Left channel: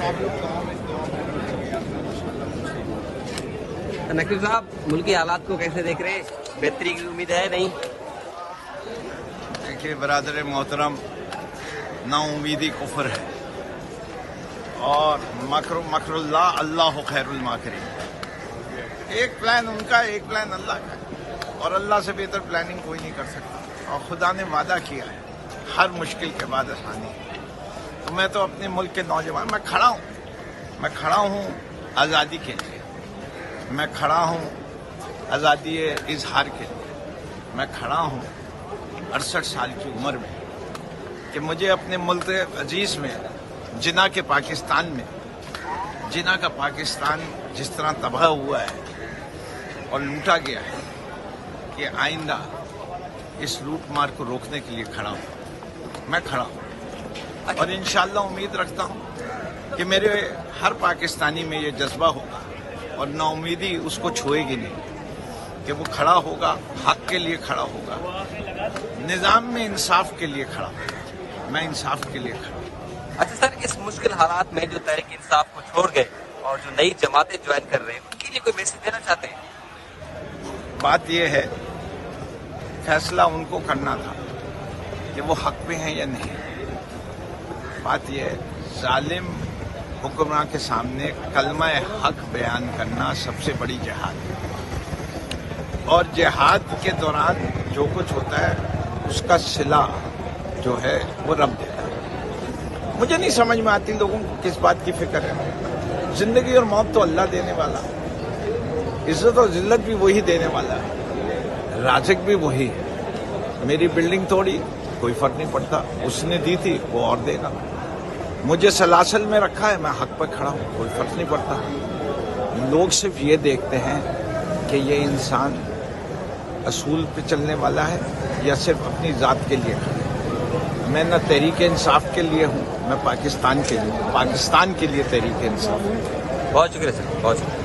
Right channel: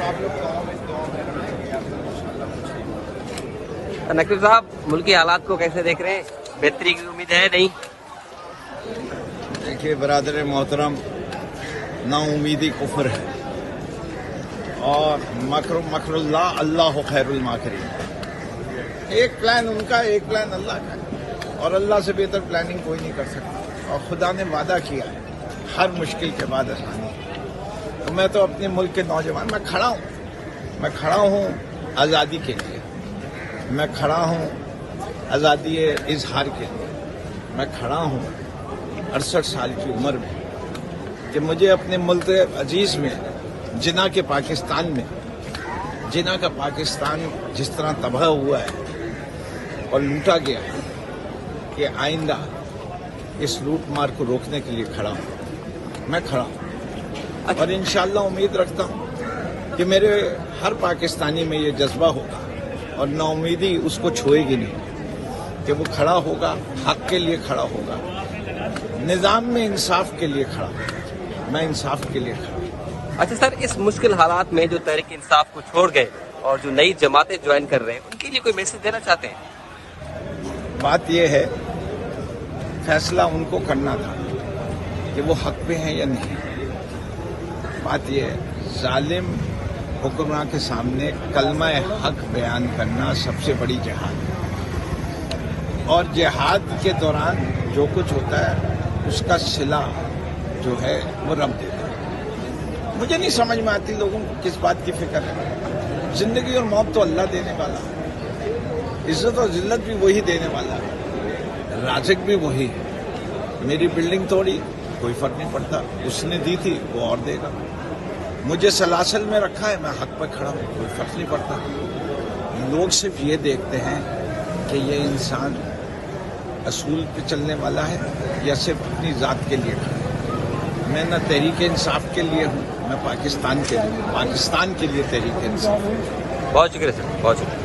بس آپ لوگ دعا میں رکھیں گے آپ ان شاء اللہ کچھ نہیں ہوگا۔ نقوی صاحب ملکی حالات کو کیسے دیکھ رہے ہیں؟ بہتری کی امید ہے نہیں؟ دیکھیے برادر محترم، نا امیدی کفر ہے اور مکر اللہ، اللہ خیر الماکرین۔ ایک پلان ان کا، ایک پلان اللہ کا، اور اللہ سے بہتر پلاننگ کوئی نہیں کر سکتا۔ اور خدا نے وعدہ کیا ہے ہر مشکل کے بعد آسانی۔ تو میں تو اپنے ملک کے نوجوان، میں کھڑا ہوں آزادی کے لیے، میں کھڑا ہوں آزادی اظہار کے لیے، میں کھڑا ہوں 68 سال کی عمر میں کہ مجھے اپنے ملک عزیز میں، جناح کے پاکستان میں، جناح کا پاکستان جس طرح تباہ ہوا ہے اور لوٹا گیا ہے، کہ آئندہ اس لوٹ مار کو روکنے کے لیے کھڑا ہوں، میں کھڑا ہوں۔ اور انشاءاللہ امید رکھتا ہوں کہ میرے ہر پاکستانی میں یہ جذبہ ہوگا اور نا امیدی اس کو چھوئے گی نہیں، کہ وہ کھڑا ہوگا، حق کے لیے کھڑا ہوگا، نظام میں انصاف کے لیے کھڑا ہوگا، میں انصاف کے لیے کھڑا ہوں۔ اچھا سر، اس مشکل حالات میں جو تحریک انصاف کو چھوڑ گئے اور جو نئی جماعتیں جوائن کر رہے ہیں، ان کے لیے کوئی میسج دینا چاہتے ہیں؟ بات یہ ہے، فیصلہ ان کو کرنا تھا کہ وہ حق پہ ہیں یا نہیں۔ بات یہ ہے، ظالم حکمراں کے سامنے کلمہ حق بیان کرنا سب سے بڑی جہاد ہے، اور جہاد کے دوران جو کچھ ہوتا ہے اس کا صلہ جو ہے وہ رب دیتا ہے۔ مجھے نہیں سمجھ میں آتی لوگوں کو کس بات کی فکر ہے۔ زندگی اور موت تو اللہ دینے والا ہے، عزت اور ذلت بھی وہی دینے والا ہے، رازق بھی وہی ہے۔ میری بلڈنگ توڑی، کوئی فرق نہیں پڑتا، اس نے دی تھی وہ اور دے گا۔ مجھے سلاسل میں رکھا ہے، میں حق پر کھڑا ہوں، کوئی فرق نہیں پڑتا۔ لوگ صرف یہ دیکھتے ہیں کہ یہ انسان اصول پہ چلنے والا ہے یا صرف اپنی ذات کے لیے۔ میں نہ تحریک انصاف کے لیے ہوں، میں پاکستان کے لیے ہوں، پاکستان کے لیے تحریک انصاف۔ بہت شکریہ سر، بہت شکریہ۔